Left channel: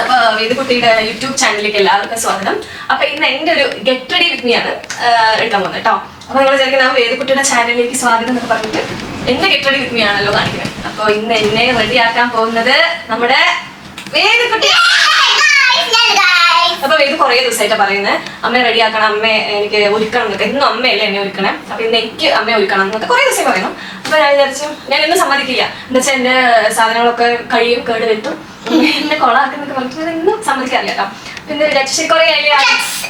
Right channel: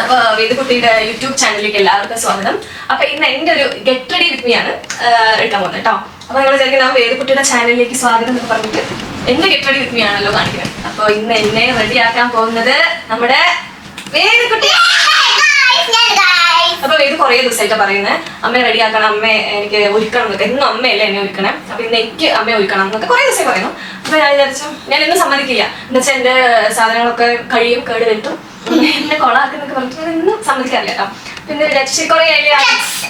അപ്പൊ വേദക്കുട്ടിയുടെ യൂട്യൂബ് ചാനലിലേക്ക് എല്ലാവർക്കും സ്വാഗതം. അപ്പൊ ഇന്ന് എന്റെ ഒരു ഗെറ്റ് റെഡി വിത്ത് മീ ആണ് എടുക്കാൻ പോകുന്നത് കേട്ടോ. അപ്പൊ നിങ്ങൾ വിചാരിക്കുന്ന വേദക്കുട്ടിയുടെ ചാനലിലേക്ക് സ്വാഗതം എന്ന് പറഞ്ഞിട്ട് എന്റെ ഗെറ്റ് റെഡി വിത്ത് മീ ആണല്ലോ കാണിക്കുന്നത്. അപ്പൊ ഇന്ന് എന്നെ റെഡിയാക്കാൻ പോകുന്നത് നമ്മുടെ വേദക്കുട്ടി. അപ്പൊ ഇത് കുറെ ദിവസമായിട്ട് പറയുന്നത് അമ്മ റെഡിയാക്കണം, അമ്മ എനിക്ക് ഒരുക്കണം എന്നൊക്കെ. എന്നും അമ്മയല്ലേ എന്നെ ഒരുക്കണം, അപ്പൊ ഇന്ന് എനിക്ക് അമ്മ ഒരുക്കണം എന്നൊക്കെ കുറെ ദിവസം പറയുന്നു. അപ്പൊ ഞാൻ വിചാരിച്ചു ഞാൻ എന്നും സമ്മതിക്കില്ല, എന്താ വെച്ചാൽ എന്റെ സാധനങ്ങളൊക്കെ കഴിയും, കേട് വരുത്തും, എന്നെ കൊളാക്കുന്നൊക്കെ പറഞ്ഞിട്ട് ഞാൻ എന്നും സമ്മതിക്കാറില്ല കേട്ടോ. പിന്നെ ശരി കുറെ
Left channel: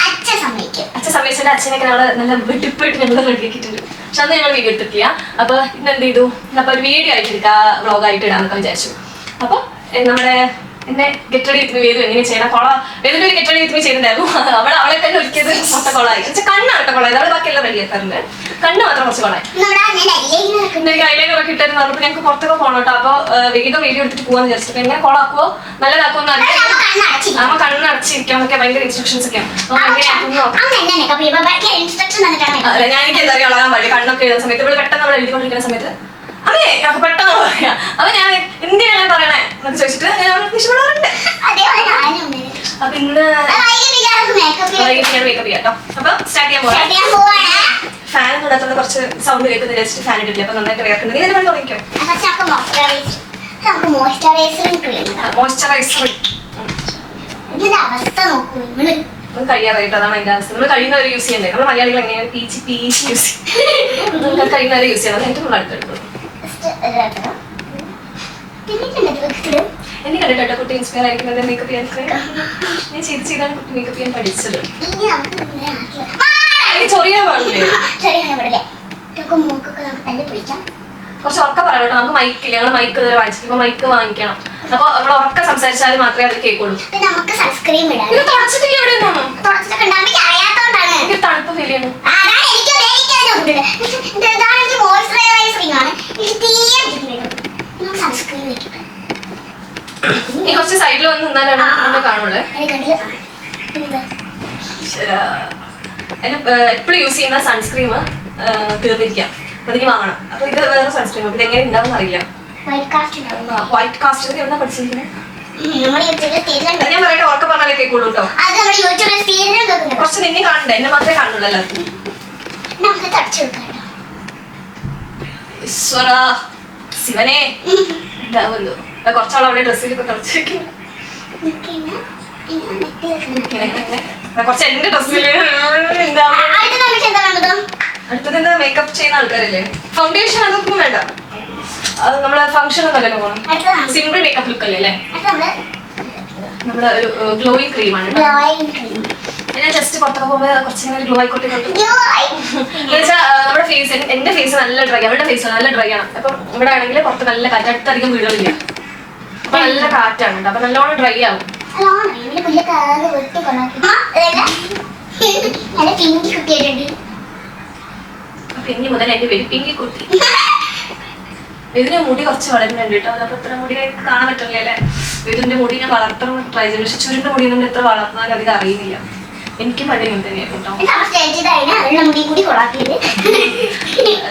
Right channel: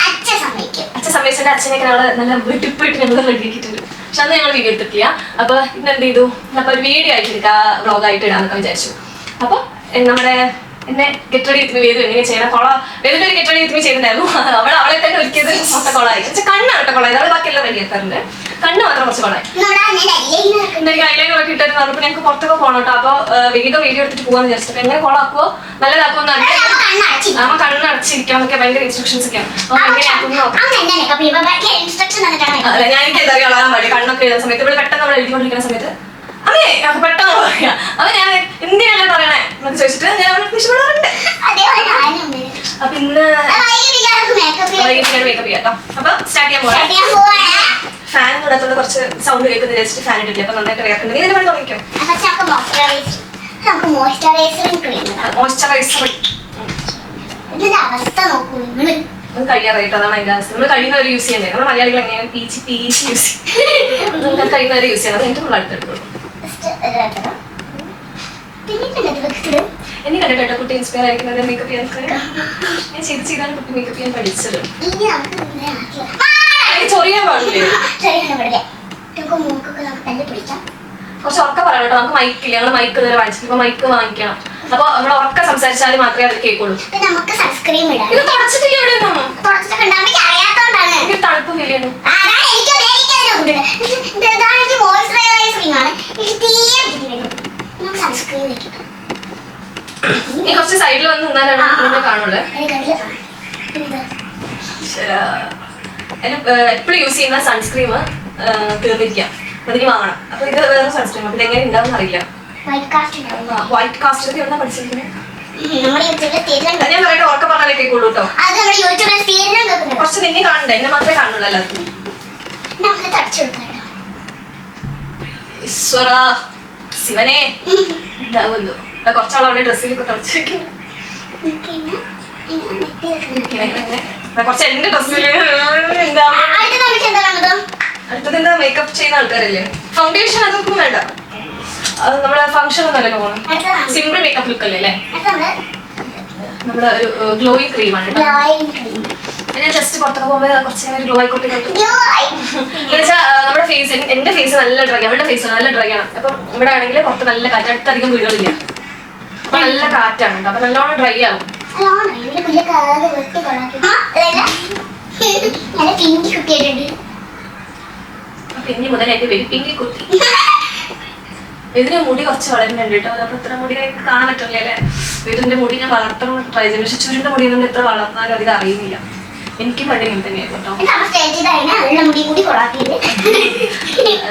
അച്ഛൻ സമ്മതിച്ചിട്ട് അച്ഛനൊക്കെ ഞങ്ങള് നല്ല വെട്ടിപ്പോയിട്ട് ഞങ്ങൾ റെഡിയാക്കിയിട്ടുണ്ട്. പക്ഷെ അന്ന് ഞങ്ങൾ വീഡിയോ എടുത്തിട്ടില്ല. അപ്പൊ ഇന്ന് എന്ത് ചെയ്തു, അപ്പൊ ഒരു വീഡിയോ ആയിട്ട് എടുക്കാം, വ്ളോഗായിട്ട് ഇടാന്നൊക്കെ വിചാരിച്ചു. അപ്പൊ നമ്മുടെ എന്നെ ഗെറ്റ് റെഡി വിത്ത് മീ വേദു എങ്ങനെ ചെയ്യണം, വേദൊരു ഗെറ്റ് റെഡി വിത്ത് മീ ചെയ്തിട്ടുണ്ടായിരുന്നു. അവളെ തന്നെ ഒരുക്കിയത് മൊത്തം കൊളായി. പക്ഷെ കണ്ണാണ് കേട്ടോ കൊളായത്, അവളെ ബാക്കിയെല്ലാം റെഡിയാക്കാറുണ്ട്, കണ്ണ് മാത്രം കുറച്ച് കൊളായി. എനിക്ക് ഐലൈനറൊക്കെ ഇട്ടായിട്ട് പറഞ്ഞപ്പോൾ ഞങ്ങൾക്ക് പുറത്തൊക്കെ പോകണം കേട്ടോ. അപ്പൊ വേഗം വീഡിയോ എടുത്തിട്ട് പോകാന്ന് വിചാരിച്ചിട്ട് എങ്ങനെ കൊളാക്കുവോ നല്ലതാക്കുമോ എന്ന് അറിയാം. അമ്മ കണ്ണടച്ചിരിക്കാന്നൊക്കെ ഭയങ്കര ഇൻസ്ട്രക്ഷൻസ് ഒക്കെയാണ്. അല്ല ഞാൻ എനിക്ക് എന്താ അറിയാം ഉള്ളതാൻ മതി. കണ്ണൊക്കെ എഴുതുന്ന സമയത്ത് ഇവിടെ പെട്ടെന്ന് നമ്മൾ എഴുതിക്കൊണ്ടിരിക്കുന്ന സമയത്ത് അമ്മേ പെട്ടെന്ന് പറയാം. അപ്പൊ ഞാൻ എന്തിനാണ് പറയണേ എന്നൊക്കെ ചോദിച്ചിട്ട് ഞാൻ ഇഷ്ടപ്പെടാറുണ്ട്. അപ്പൊ ഇന്ന് മേക്കപ്പ് ചെയ്യാം. അപ്പൊ സ്റ്റാർട്ട് ചെയ്യാൻ പോകാം. ഫാൻ കൂടാത്തോണ്ട് കുറച്ച് സൗണ്ട് കേൾക്കുന്ന വെച്ചിട്ട് ഫാൻ ഇട്ടില്ല. അപ്പൊ നന്നായിട്ട് വേർക്കുന്നുണ്ട്. ഇതിന് വേണ്ടി തുടങ്ങിക്കോ. മോയ്സ്ചറൈസർ കഴിയാറായിട്ട് അതാണ് അതിന്റെ അവസ്ഥ. നമ്മൾ കഴിയുന്നവരെ യൂസ് ചെയ്യണ്ടേ. നമ്മൾ മലയാളികൾ എങ്ങനെയാണ് പീച്ച് യൂസ് ചെയ്യും, നമുക്ക് കഴിയുന്നവരെ യൂസ് ചെയ്യണം. ഏറ്റവും നമ്മൾ അടുത്തെടുക്കും. എന്നെ കണ്ടിട്ടോ കുട്ടി ഇൻസ്പയർ ആയിരിക്കുന്നത് മേക്കപ്പ് ചെയ്യാൻ. ഞാൻ ചെയ്താണ് കുട്ടി മേക്കപ്പ് ചെയ്യാൻ പഠിച്ചത്. ചൊറിയാൻ പാടില്ലേ, കുറച്ച് ഉറക്കം പറയണം കേട്ടോ. നമുക്ക് മൈക്കില്ല, ഞങ്ങൾ മൈക്ക് ഇതുവരെ വാങ്ങിച്ചിട്ട് ഇപ്പൊ മൈക്ക് വാങ്ങിക്കണം. അപ്പൊ നമ്മൾ ഉറക്കം സംസാരിച്ചാലും മാത്രമേ അത് കേൾക്കുള്ളൂ. ഇത് തുടച്ചിട്ടില്ല എവിടെയൊന്നും, എനിക്ക് തണുപ്പ് ഫീൽ ചെയ്യണം. നീ കുറച്ച് സൈഡിൽ വന്ന് നിന്നാലാണ് കാണുള്ളൂ. എപ്പോഴും യൂസ് ചെയ്യുന്ന സൺസ്ക്രീം തീർന്നിരിക്കാം, അതിന് വാങ്ങണം. അപ്പൊ ഇത് വേറെ സൺസ്ക്രീം, ഇത് എങ്ങനെ ഉണ്ടാവും അറിയില്ല. വൈറ്റ് കാസ്റ്റ് എവിടെയാ പഠിച്ചിരിക്കുന്നത്? ഞാൻ പറഞ്ഞിട്ട് ഓർക്ക പറഞ്ഞാലേ കേൾക്കുള്ളൂ കേട്ടോ. കുറച്ച് നിന്നെ കാണണ്ടേ, എന്നെ മാത്രമേ കാണുള്ളൂ എല്ലാവർക്കും. ഈശ്വര ശിവനെ ഉണ്ടാവുമല്ലോ. കുറച്ചാൾ അവിടെ ഡ്രസ്സിലൊക്കെ തുടച്ചിരിക്കുന്നു. കുറച്ച് എന്റെ ഡ്രസ്സില് അടുത്തത് എന്താ, മേക്കപ്പ് ചെയ്യുന്ന ആൾക്കാരല്ലേ. ഫൗണ്ടേഷൻ അതൊന്നും വേണ്ട, നമ്മള് ഫംഗ്ഷൻ ഒന്നല്ലോ പോകണം. സിമ്പിൾ മേക്കപ്പ് ലുക്ക് അല്ലേ. നമ്മള് ഒരു ഗ്ലോയിങ് ക്രീമാണ്. ഞാൻ ജസ്റ്റ് പുറത്തൊക്കെ പോകുമ്പോൾ കുറച്ച് ഗ്ലോ ആയിക്കോട്ടെ. നമ്മുടെ ഫേസ്, എന്റെ ഫേസ് നല്ല ഡ്രൈ, അവരുടെ ഫേസ് നല്ല ഡ്രൈ ആണ്. അപ്പൊ ഇവിടെ ആണെങ്കിൽ പുറത്ത് നല്ല കാറ്റ്, അടുത്തധികം വീടുകളില്ല, അപ്പൊ നല്ല കാറ്റാണ്, അപ്പൊ നല്ലോണം ഡ്രൈ ആവും. പിന്നെ മുതൽ എന്റെ പേര് പിങ്കി കുട്ടി. ഇതിന്റെ മുടി കുറച്ച് വളരാൻ വേണ്ടിട്ടോ, അപ്പൊ ഇത്ര മുടി കാണാൻ പറ്റില്ല അല്ലേ. ഇതിന്റെ മുടി ഞാൻ വളർത്താൻ ട്രൈ ചെയ്തു, പക്ഷെ ചുരുണ്ട മുടി ഒന്നും എത്ര വളർത്താൻ അധികം അറിയില്ല. എനിക്ക് പഴയ തന്നെയായിരുന്നു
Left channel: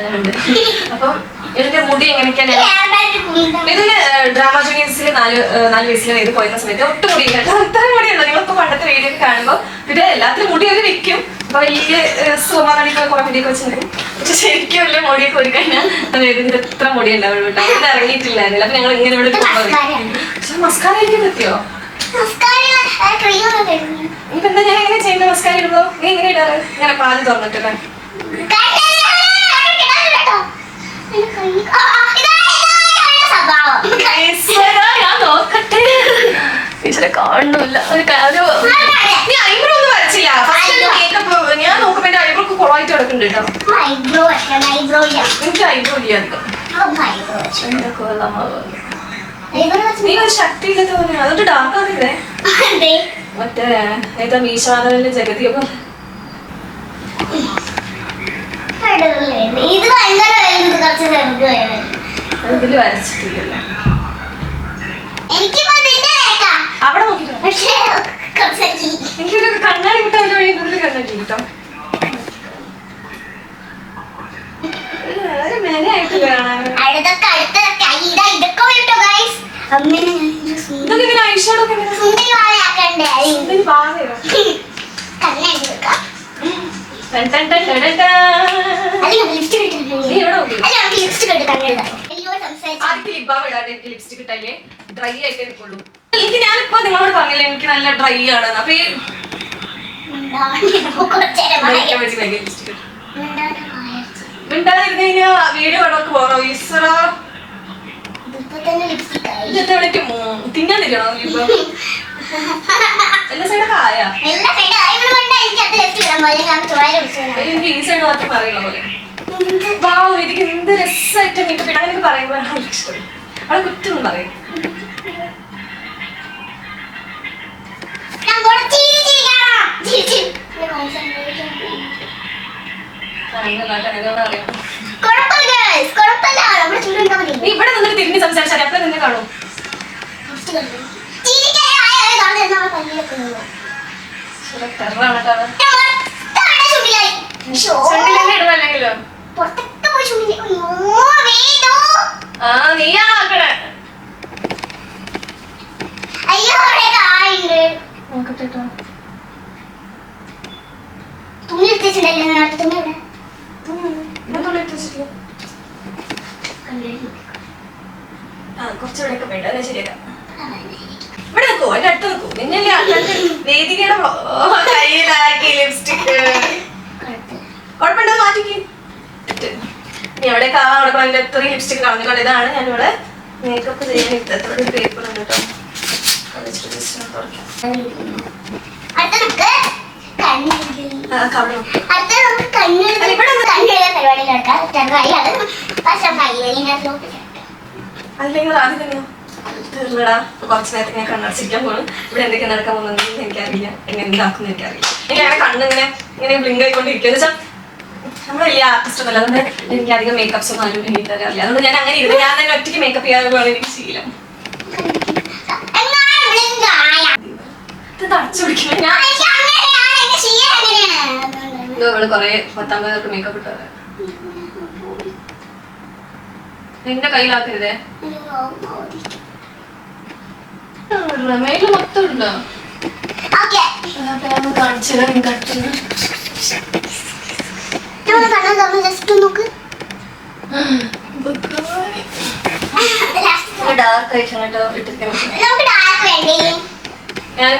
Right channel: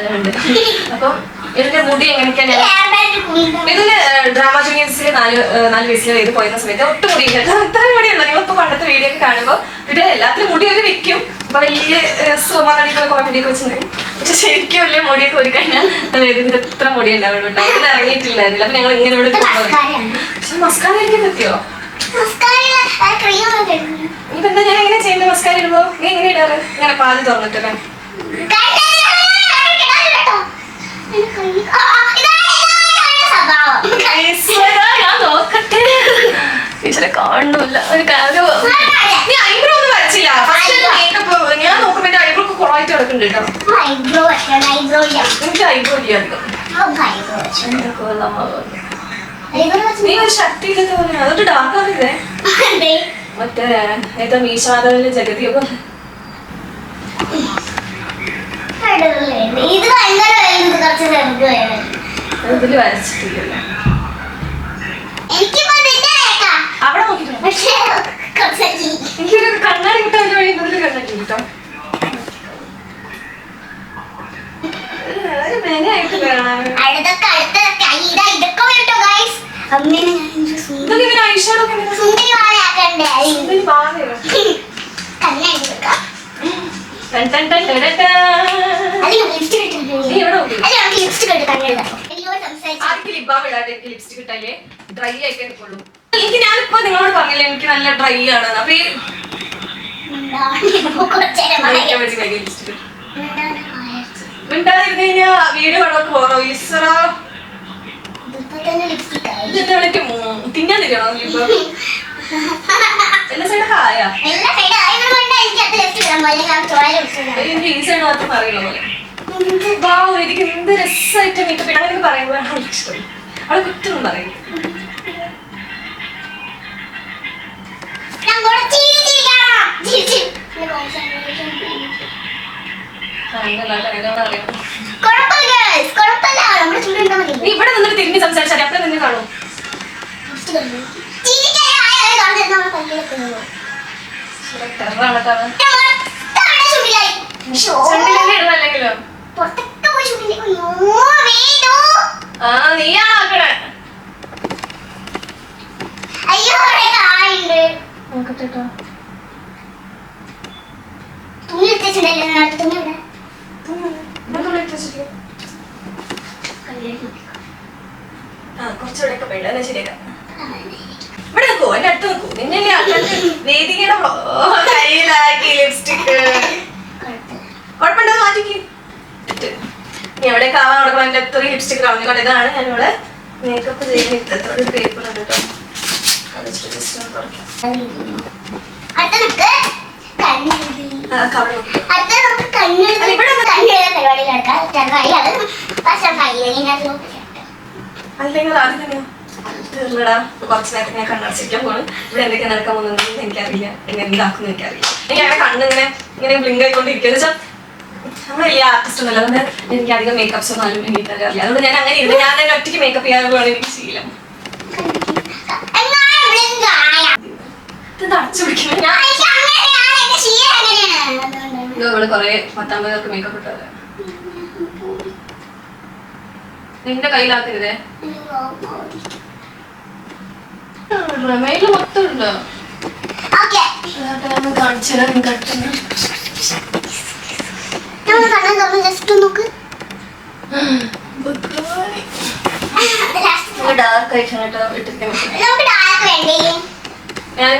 അതുകൊണ്ട്. അപ്പൊ ഇതിന്റെ മുടി എങ്ങനെയൊക്കെയാണ്, ഇതില് ഡ്രാമ ജൂനിയേഴ്സിൽ 4 വയസ്സിൽ ഇത് പോയിരുന്ന സമയത്ത് ഒട്ടും മുടിയില്ല. ഇത്രയും മുടിയല്ല, നിങ്ങളിപ്പോ പണ്ടത്തെ വീഡിയോ ഒക്കെ കാണുമ്പോ ഇത് എല്ലാത്തിനും മുടി അത് വെക്കും. അപ്പൊ വലിയ സുഖമാണെങ്കിൽ കുറെ മുടിയൊക്കെ വെച്ചിട്ടുണ്ടെങ്കിൽ, പക്ഷെ ശരിക്കും വലിയ മുടിയൊക്കെ ഒരു കഴിഞ്ഞാൽ ഇതിന്റെ ഇത്ര മുടി ഉണ്ടാവുള്ളൂ. ഇത് ഇറങ്ങിയിട്ടില്ലായിരുന്നില്ല. അപ്പൊ ഞങ്ങൾ ഇങ്ങനെ ഇവിടെ പോകുന്നത്. പക്ഷെ മസ്കാര എനിക്ക് നിർത്തിയോ? ഇപ്പൊ എന്താ ഞാൻ എങ്ങനെ ചെയ്യുന്നത്? മസ്കാര ഇടുമ്പോ നീ എങ്ങനെ ഇടാറ്? ഇങ്ങനെ പാല് തുറന്നിട്ടില്ല. കാണുന്നില്ല ഒരു കാര്യം. നീ ഐബ്രോ ഒന്നും വരച്ചില്ല. ഞാൻ നോക്കുമ്പോ എന്റെ ഐബ്രോ കുറവായിട്ട് കിടക്കുന്നുണ്ട് കേട്ടോ. എനിക്ക് ഐബ്രോ ചെയ്യാറുണ്ട്. നീ ഒരു ശക്തി ഇല്ലെന്ന് തോന്നുന്നു. അതൊട്ട് ഡാർക്ക് ആക്കില്ലേ മറ്റേ ഏതാ മീശാദലിന്റെ ജഗതിയൊക്കെ ഇതില് വരച്ചിട്ടില്ലല്ലോ. അവിടെ നോക്കിട്ടോ, എനിക്കൊരു കണ്ണാടി കിട്ടാൻ വേണ്ടി കണ്ണാടി കിട്ടാം. ഐഷാഡോ ഒക്കെ ലിപ്സ്റ്റിക് ഇട്ടാലേ ഡ്രൈ ആയിട്ട് എടുക്കുള്ളൂ. എനിക്ക് ഞാനിപ്പോ നിങ്ങളോട് പറഞ്ഞില്ലേ എനിക്ക് നല്ല ഡ്രൈ ആണ്. അപ്പൊ മിണ്ടാതിരുന്ന് കഴിഞ്ഞാ വീഡിയോ കണ്ടൊക്കെ പോകണം. ഈശ്വരാ തിന്നാൻ തരണോ എല്ലാ സൈഡൊക്കെ ആയാ ഈ സൈഡ് മാത്രം പറയുന്ന പോലെ. വാവ്, എനിക്ക് എന്ത് രസമായിട്ട് മേക്കപ്പ് ഇടാൻ എനിക്ക് പറയുമ്പോൾ ഇഷ്ടമായി. അവളെ കുറ്റൊന്നും പറയും. ഇവിടെ നിന്നിട്ട് തിരിഞ്ഞ് സംസാരിച്ചാൽ അപ്പഴേ നിങ്ങൾ കാണും. ഇടുന്നല്ലെങ്കിലോ നീയാക്കണേ. കുറച്ചുകൂടെ വേണ്ട ശരിയാ. ഇവിടെ നിൽക്കോ എന്റെ അടുത്ത് നിൽക്കൂ. നിന്നെ വേദികയുടെ കയ്യിലാക്കി ലിപ്സ്റ്റിക് കുഴപ്പമുണ്ടോ മാറ്റിക്ക്. എവിടെ കാണാൻ കൊടുക്കണം അതിന്റെ അത്രയും ലിപ്സ്റ്റിക് കാണുന്നുണ്ട്. ഇതാണ് ഞാനിവിടെ മേക്കപ്പ് ചെയ്യുന്ന പേപ്പർ ഉണ്ട് കേട്ടോ. അല്ലെങ്കിൽ ആദ്യം തന്നെ കുറച്ച് നേരത്തെ ഞാൻ കണ്ണടച്ചിരിക്കാൻ പോകണം. ഇവിടെ എന്തൊക്കെ നടക്കാൻ പോകുന്നുണ്ടെങ്കിൽ എനിക്കറിയില്ല. എന്നെ എന്താക്കുന്നു എനിക്കറിയില്ല. എനിക്ക് അങ്ങനെ കണ്ണിങ്ങനെ ഇങ്ങനെ ബ്ലിങ്ക് ആയിക്കൊണ്ടിരിക്കുക എന്ന് വെച്ചാൽ നമ്മൾ ഈ ആർട്ടിസ്റ്റ് ഒന്നുമില്ല. അതുകൊണ്ട് എനിക്ക് അധികം മേക്കപ്സ് ഒന്നും ആരും എനിക്ക് അറിയില്ല. അതുകൊണ്ട് ഞാൻ അങ്ങനെ ഇരുന്ന് ഞാൻ തന്നെ ഒറ്റയ്ക്ക് മേക്കപ്പ് ചെയ്യാനുള്ള എനിക്ക് ശീലം. ഇത് തടച്ചു പിടിക്കുന്നത് ഇവിടെ കൊറേ 10-50 പേർക്ക് മേക്കപ്പ് ഇട്ടത് നിന്റെ കയ്യിലാക്കരുതേ. മെയില് മൊത്തം ഉണ്ടോ? കാണിച്ചു തരാം. ഡാർക്ക് ആയിട്ടാണ് ഞാൻ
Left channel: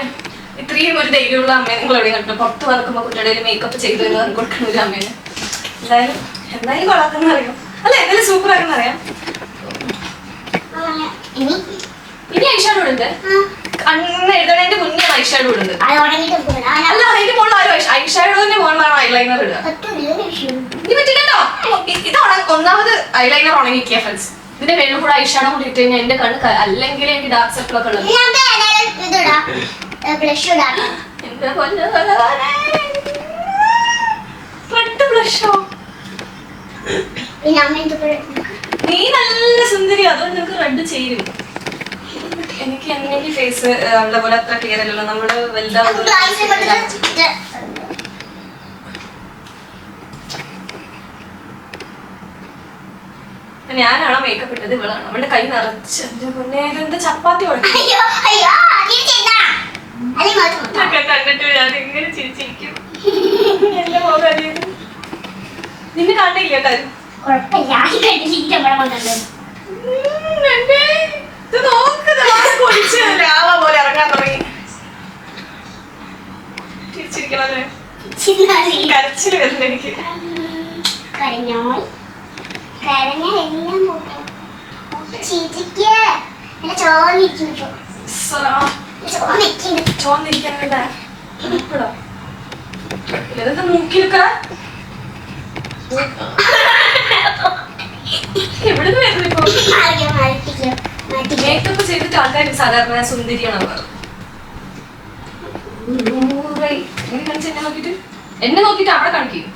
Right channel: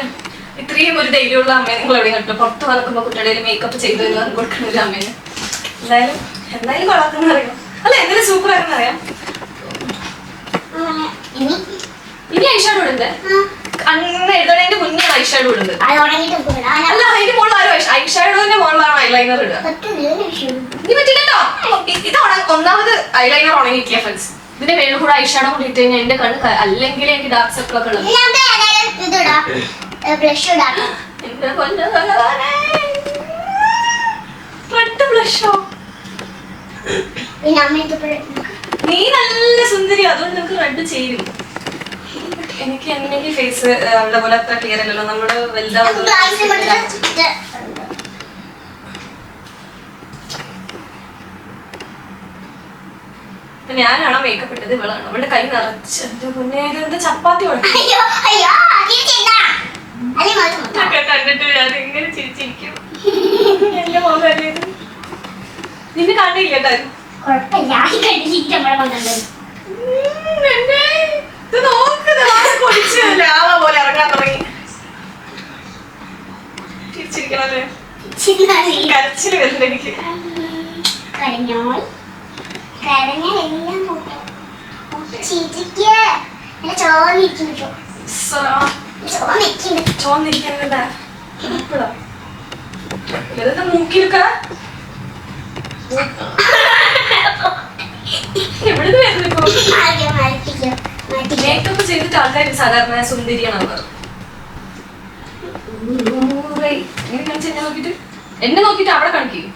ഇത്രയും ഒരു ധൈര്യമുള്ള അമ്മയെ നിങ്ങൾ എവിടെ കണ്ടു. പുറത്ത് നടക്കുമ്പോൾ കുട്ടികളുടെ മേക്കപ്പ് ചെയ്ത് കൊടുക്കുന്ന ഒരു അമ്മേനെ എന്തായാലും കൊള്ളാത്തെന്ന് അറിയാം. അല്ല എന്തായാലും സൂപ്പർ ആണെന്ന് അറിയാം. ഇനി ഐഷാഡോ ഉണ്ട്. അന്ന് എഴുതണേന്റെ മുന്നേ ഐഷാഡോ ഉണ്ട്. അല്ല അതിന്റെ മുകളിൽ ആരും ഐഷാഡോന്റെ മുകളിലാണ് ഐലൈനർ ഇടുക. ഇനി പറ്റില്ലല്ലോ. ഇത് ഒന്നാമത് ഐലൈനർ ഉണങ്ങിയിട്ടില്ല ഫ്രണ്ട്സ്. ഇതിന്റെ മേളിൽ കൂടെ ഐഷാഡോ കൂടി ഇട്ട് കഴിഞ്ഞാൽ എന്റെ കണ്ണ് അല്ലെങ്കിൽ എനിക്ക് ഡാർക്ക് സർക്കിൾ ഒക്കെ ഉള്ളത്. നീ നല്ല സുന്ദരി, അതുകൊണ്ട് നമുക്ക് റെഡ് ചെയ്യും. എനിക്ക് എന്റെ ഫേസ് അവിടെ പോലെ അത്ര ക്ലിയർ അല്ലല്ലോ. നമ്മുടെ ഞാനാണോ മേക്കപ്പ് ഇട്ടത് ഇവളാണ്. അവളുടെ കൈ നിറച്ച് പിന്നെ ഇതെന്താ ചപ്പാത്തി കണ്ടിട്ട് ഞാൻ ഇങ്ങനെ ചിരിച്ചിരിക്കും. നിന്നെ കണ്ടില്ല കാര്യം പോലെ ഇറങ്ങാൻ തുടങ്ങി. തിരിച്ചിരിക്കണല്ലേ കരച്ചില് വരുന്നുണ്ട് എനിക്ക്. ചോന്നിരിക്കണ മൂക്കിലൊക്കെ എവിടുന്ന് വരുന്നു ഇപ്പൊ? മേക്കപ്പ് ചെയ്തിട്ട് ആൾക്കാർ സാധാരണ സുന്ദരിയാണ് നോക്കിട്ട് എന്നെ നോക്കിട്ട് അവിടെ കാണിക്കും.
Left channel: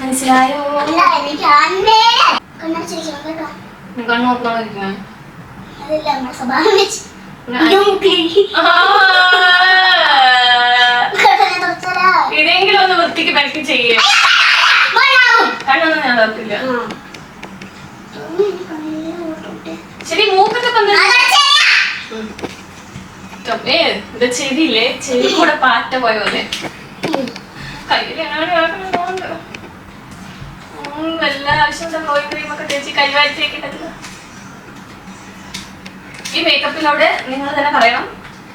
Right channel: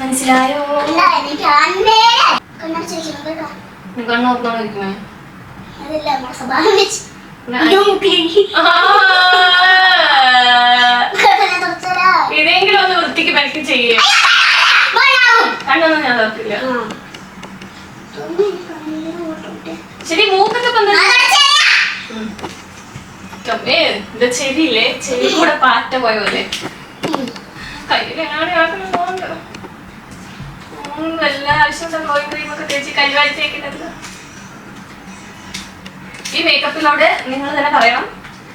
മനസ്സിലായോ? ഇതെങ്കിലും ഒന്ന് വൃത്തിക്ക് ബാക്ക് ചെയ്യേ. കണ്ണൊന്നും ഞാൻ തപ്പില്ല. ശരി മൂക്കൊക്കെ ചെവിയില്ലേ ചെവി കൂടെ പാറ്റ പോയ പോലെ എല്ലാ ആവശ്യം ക്രീമൊക്കെ തേച്ച് കൈവാഴ്ചയൊക്കെ. ഈ മേക്കപ്പിലോട് നിങ്ങൾ തന്നെ പറയണം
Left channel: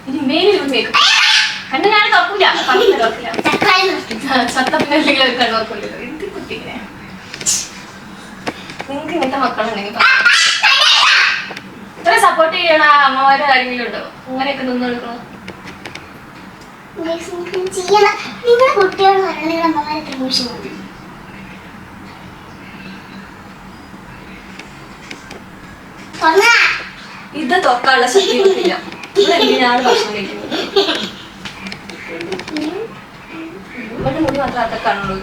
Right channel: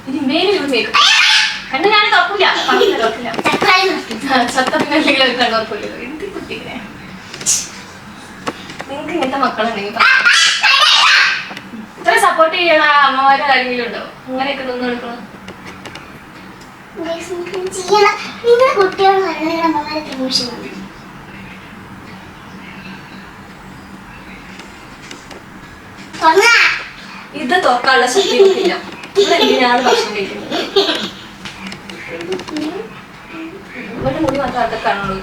ഇനി മേലിൽ മേക്കപ്പ് കണ്ണ് ഞാൻ തുറക്കില്ല ചത്തപ്പിന്നെങ്കിൽ ഒരു കണ്ണ് തുറക്കില്ലല്ലോ. ഇത് കുട്ടിങ്ങനെ നിങ്ങൾക്ക് ഇങ്ങനത്തെ മക്കളുണ്ടെങ്കിൽ ഇത്ര സപ്പോർട്ട് ചെയ്യണ അമ്മമാരുടെ കാര്യങ്ങളുണ്ടോ അങ്ങനെയൊക്കെ നിന്ന് കൊടുക്കണം. ഇത് തുറക്കാനുള്ള ശക്തിയൊന്നുമില്ല. എന്തിനാണ് ഭക്ഷണം കഴിക്കുന്നത്? ഇവിടെ മുടി മാത്രം കാണുള്ളൂ.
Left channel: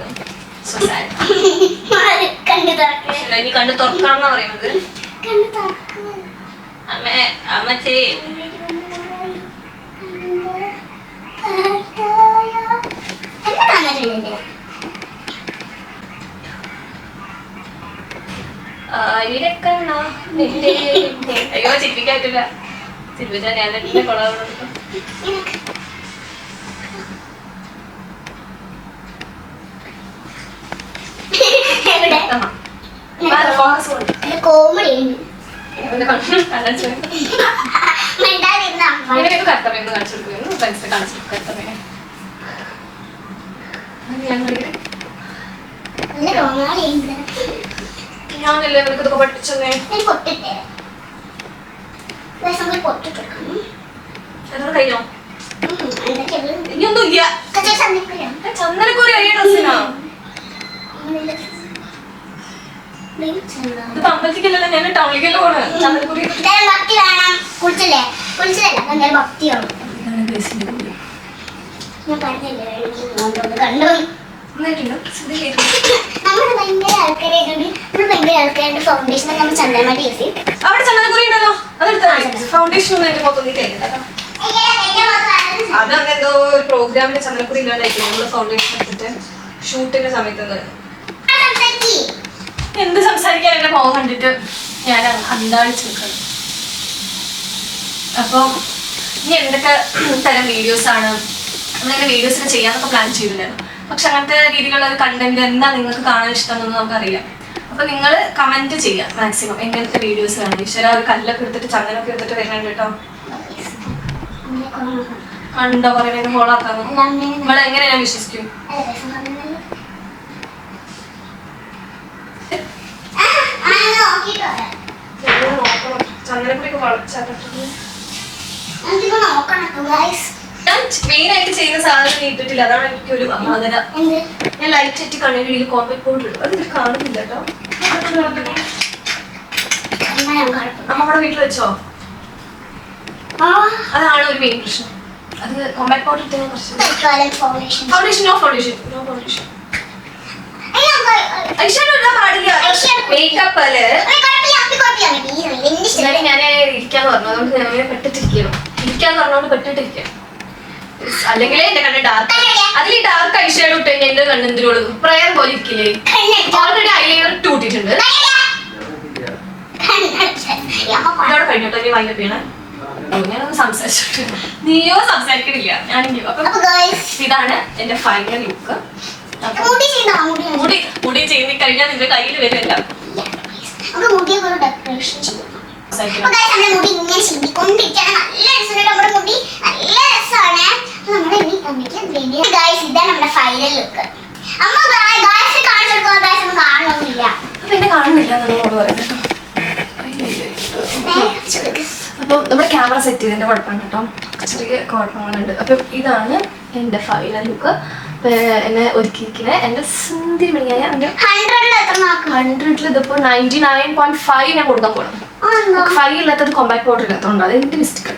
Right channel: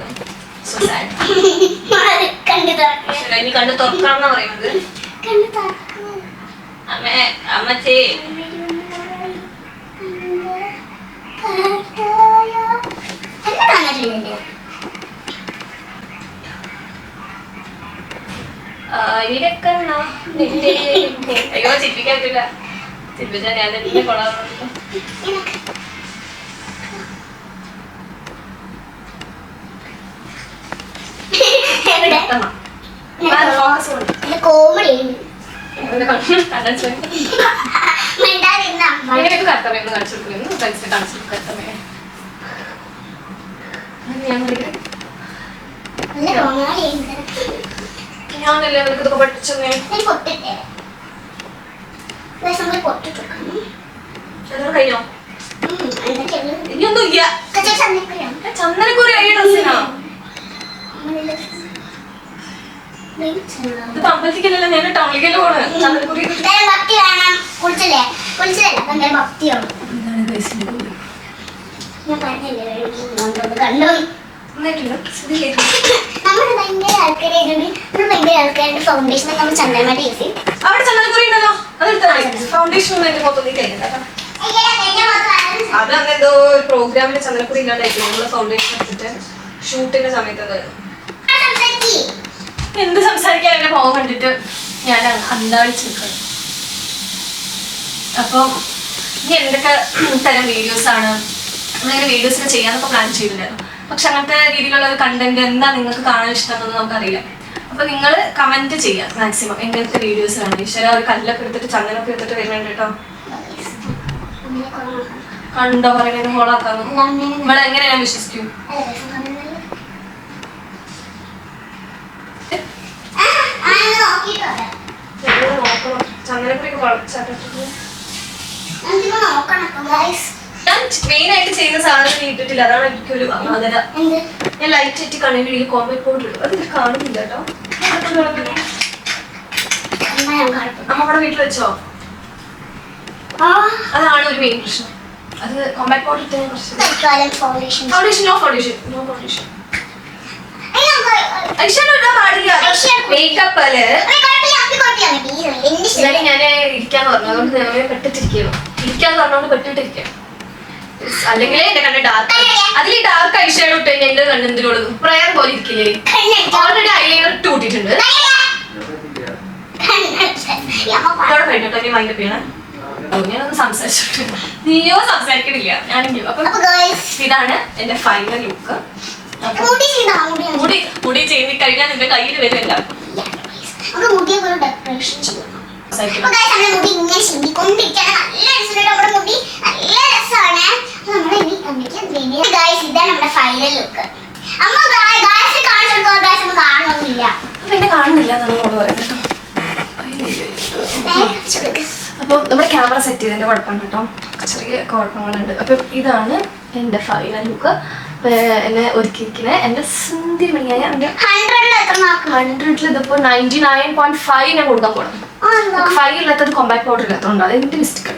കണ്ട് തുറക്കാന്നാ പറയുന്നത്. അമ്മച്ചേ ഇവരൊക്കെ അയ്യോ ചിരിപ്പിക്കാറ്റില്ല. ചിരിപ്പിച്ചാ ഞാൻ എന്നെ കൊള്ളാറുണ്ട്. അങ്ങനെയൊക്കെ കർത്തവ്യം കാണിച്ചു കൊടുക്കുന്നു. ഫ്രണ്ട്സിനെ കാണിച്ചു കർത്തവ്യം ഞാനല്ലേ നിങ്ങൾക്ക് ഇതൊക്കെ പഠിച്ചേ. കഴിഞ്ഞോ? ഇനിയൊന്നും ഇല്ല. ചന്ദനക്കുറി വലിയ ഡ്രസ്സിനാ. ഇത് അമ്പലത്തിക്കല്ല ഞാൻ ടൗണിലേക്കല്ലേ പോണത്. ചന്ദനക്കുറി അവിടെ ചന്ദനക്കുറി ഉണ്ടല്ലോ അതെടുത്ത ഫൗണ്ടേഷൻ ഒന്നും എന്റെ മൊത്തം അതങ്ങെന്തോ ഒരു പ്രോഗ്രാമിന്റെ ചന്ദനക്കുറി ഇല്ലാണ്ടായിരിക്കും. നമ്മള് ഫൗണ്ടേഷൻ എടുത്തിട്ട് ഷൂട്ടിന്റെ സമയത്ത് എന്ത് സംസാരിക്കാൻ എന്റെ മുഖം കണ്ടിട്ട് ഞാൻ അന്താളിച്ച് നിൽക്കണം. അപ്പം ഇനി എന്തൊക്കെ തരം വീഡിയോസ് ആണ് അങ്ങനെ വീഡിയോസൊക്കെ ചെയ്യാനൊക്കെ പ്ലാൻ ചെയ്തിട്ടുണ്ടായിരുന്നു. പക്ഷെ അങ്ങനത്തെ രീതിയിലുള്ള ഒരു കണ്ടന്റ് എന്താ നിങ്ങൾക്ക് കാണാൻ ഇഷ്ടമെന്നൊന്നും നമുക്കറിയില്ല. അപ്പൊ നിങ്ങൾ കമന്റ് ചെയ്യാം മാക്സിമം എങ്ങനത്തെ വീഡിയോസ് വേണം. ഈശ്വര ഒരു കല്ലൊക്കെ എടുത്തിട്ട് ചങ്ങലൊക്കെ എടുത്തിട്ട് വരുന്നുണ്ട് കേട്ടോ. കണ്ടോ പറയുന്നത് ഹോളാക്കാന്ന് ഇവിടെ എങ്ങനെ ഞാൻ വിശ്വസിക്കും. മെയിൻ ആയിട്ട് ചെയ്യുന്ന സാധനം നീട്ടിട്ടില്ല. അതാണ് എനിക്കൊരു അമാതന. ഞാൻ ലൈറ്റ് ഇട്ട് കണ്ണിന് കോമ്പറ്റ് പൗഡർ ഇടും. അത് കാണുന്നില്ല കേട്ടോ. നമ്മുടെ വീട്ടിൽ വെച്ചോ? അതാണ് ഒരു മെയിൻ പ്രശ്നം. അത് കോമ്പാക്ട് പൗഡർ ഇട്ട foundation no foundation no foundation makeup ഞാൻ ഇരിക്കാന്ന് പറഞ്ഞു. അതുകൊണ്ട് ഞാൻ പെട്ടിട്ടിരിക്കണം. ഇരിക്കാന്ന് പറഞ്ഞോണ്ട് പെട്ടിട്ടിരിക്കാം. അല്ലെങ്കിൽ എന്റെ കണ്ണ് ഡാർക്ക് അതിൽ ഡാർക്ക് ഐഷാഡോ ഇട്ട് കഴിഞ്ഞാൽ എന്റെ കണ്ണെന്തിനോട് പ്രയർ പോലെ ഇരിക്കില്ലേ. Already eyeliner ഇട്ടൂട്ടിട്ടുണ്ട്. ഇതോടെ കഴിഞ്ഞിട്ടോ നീ വൈൻഡപ്പ് ചെയ്യണം. ഞാനൊന്ന് സംസാരിച്ചിട്ടുണ്ട്. നീയോ സംസാരിക്കണില്ല ഞാനെങ്കിലും. അപ്പൊ ഇതാണ് എന്റെ ഫൈനൽ ലുക്ക്. മുടി ചെയ്തി കഴിഞ്ഞാൽ നിന്റെ കയ്യിൽ വരില്ല. പിന്നെ കാണുന്നില്ല നമ്മളോട് പറയുന്നത്. അപ്പൊ നമ്മുടെ ക്യാമറ സെറ്റ് ചെയ്തതിന്റെ കുഴപ്പമുണ്ട് കേട്ടോ. ചെറിയ കുഴപ്പങ്ങളുണ്ട്. അപ്പൊ ഇതാണ് എന്റെ ഫൈനൽ ലുക്ക്. എന്നെ ഒരുക്കിയിരിക്കുന്നത് എന്റെ സുന്ദരി മണിയായ 100 ഇതിപ്പോ 99.5 ഞാൻ കൊടുക്കാൻ പോകണം. 5 ഇല്ലാത്തത് കോമ്പാക്ട് പൗഡർ ഇല്ലാത്തതുകൊണ്ട് അത് എന്റെ മിസ്റ്റേക്ക്.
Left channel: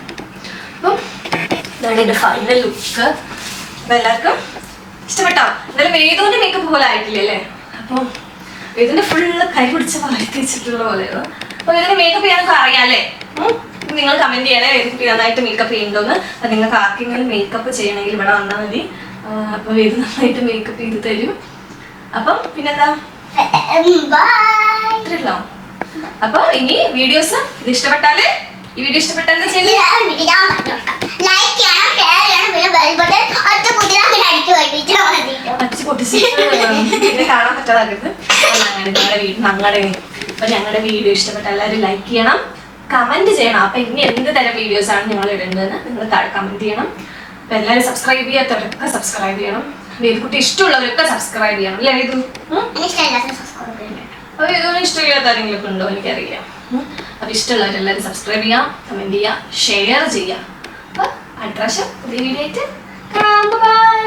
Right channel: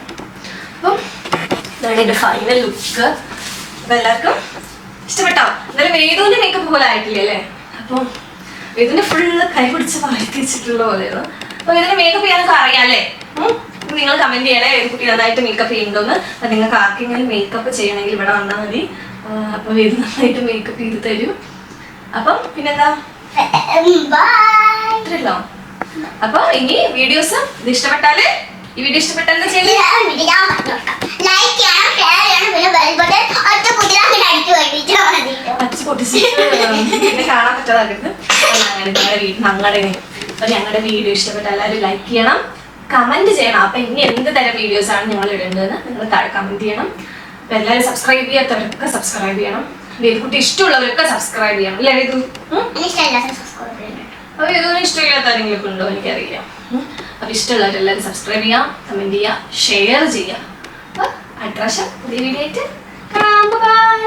അപ്പം ഇതാണ് എന്റെ ഫൈനൽ ലുക്ക്. അപ്പൊ എല്ലാവർക്കും ഇഷ്ടപ്പെട്ടോ? എന്തായാലും വേദുവിന്റെ മേക്കപ്പ് പോലെ ആയിട്ടില്ലേ അല്ലേ? അപ്പം വേദുവിന്റെ ഫുള്ള് കൈ പിടിച്ച് വളർത്തി വെച്ചിട്ടുള്ള പോലെയോ. അപ്പൊ വേദുവിന്റെ മേക്കപ്പ് ചെയ്യാനൊക്കെ അറിയാല്ലേ? നിങ്ങൾ കമന്റ് ചെയ്യണേ വേദുക്കുട്ടി നന്നായിട്ട് മേക്കപ്പ് ചെയ്യുന്നുണ്ടോന്ന്. അത് നിങ്ങൾക്ക് ആർക്കെങ്കിലും മേക്കപ്പ് ചെയ്യണമെങ്കിൽ ഇവിടെ വന്നാൽ മതി. അപ്പൊ വേദു നന്നായിട്ട് മേക്കപ്പ് ചെയ്ത് തരും. അപ്പം പിന്നെന്താ അപ്പൊ ഇനി വീഡിയോസ് ഇത് ഇഷ്ടപ്പെട്ടാല് ഈ വീഡിയോ ഇഷ്ടപ്പെട്ടാൽ എന്താ ചെയ്യുന്നത്? ലൈക്ക് ചെയ്യണം, ഷെയർ ചെയ്യണം, പിന്നെ ബെൽ ബട്ടൺ ഒറ്റ കുത്തിയാൽ പിന്നെ അടിച്ചു കഴിഞ്ഞിട്ടാൽ മതി. അച്ഛ പൊട്ടിച്ച് ഇത് കാണാൻ പറ്റാതാക്കരുത്. ഞങ്ങളുടെ വീഡിയോ ഇഷ്ടപ്പെട്ട എല്ലാവരും ലൈക്ക് ചെയ്യണം, കമന്റ് ചെയ്യണം. അപ്പൊ ഇനി എന്ത് തരം വീഡിയോസ് ആണ് ഞങ്ങൾ ഇടുന്നതെന്ന് നിങ്ങൾ താഴെ കമന്റ് ചെയ്യണം. അപ്പൊ എല്ലാവരും സബ്സ്ക്രൈബ് ചെയ്യാത്തവർക്കൊക്കെ സബ്സ്ക്രൈബ് ചെയ്യണം. വേദിക്കുട്ടി ഇഷ്ടമുള്ളവരൊക്കെ സബ്സ്ക്രൈബ് ചെയ്യണം. അല്ലേ ഇത് അപ്പൊ ഇതൊന്നും ഇഷ്ടമില്ലാത്ത ആരെങ്കിലും ഉണ്ടോ എനിക്കറിയില്ല. അപ്പൊ ഇഷ്ടമുള്ളവരെല്ലാവരും സബ്സ്ക്രൈബ് ചെയ്യാം, കമന്റ് ചെയ്യാം, ഷെയർ ചെയ്യാം. അപ്പൊ അടുത്ത പ്രാവശ്യം പുതിയ വീഡിയോ ആയിട്ട് കാണാം. ബൈ.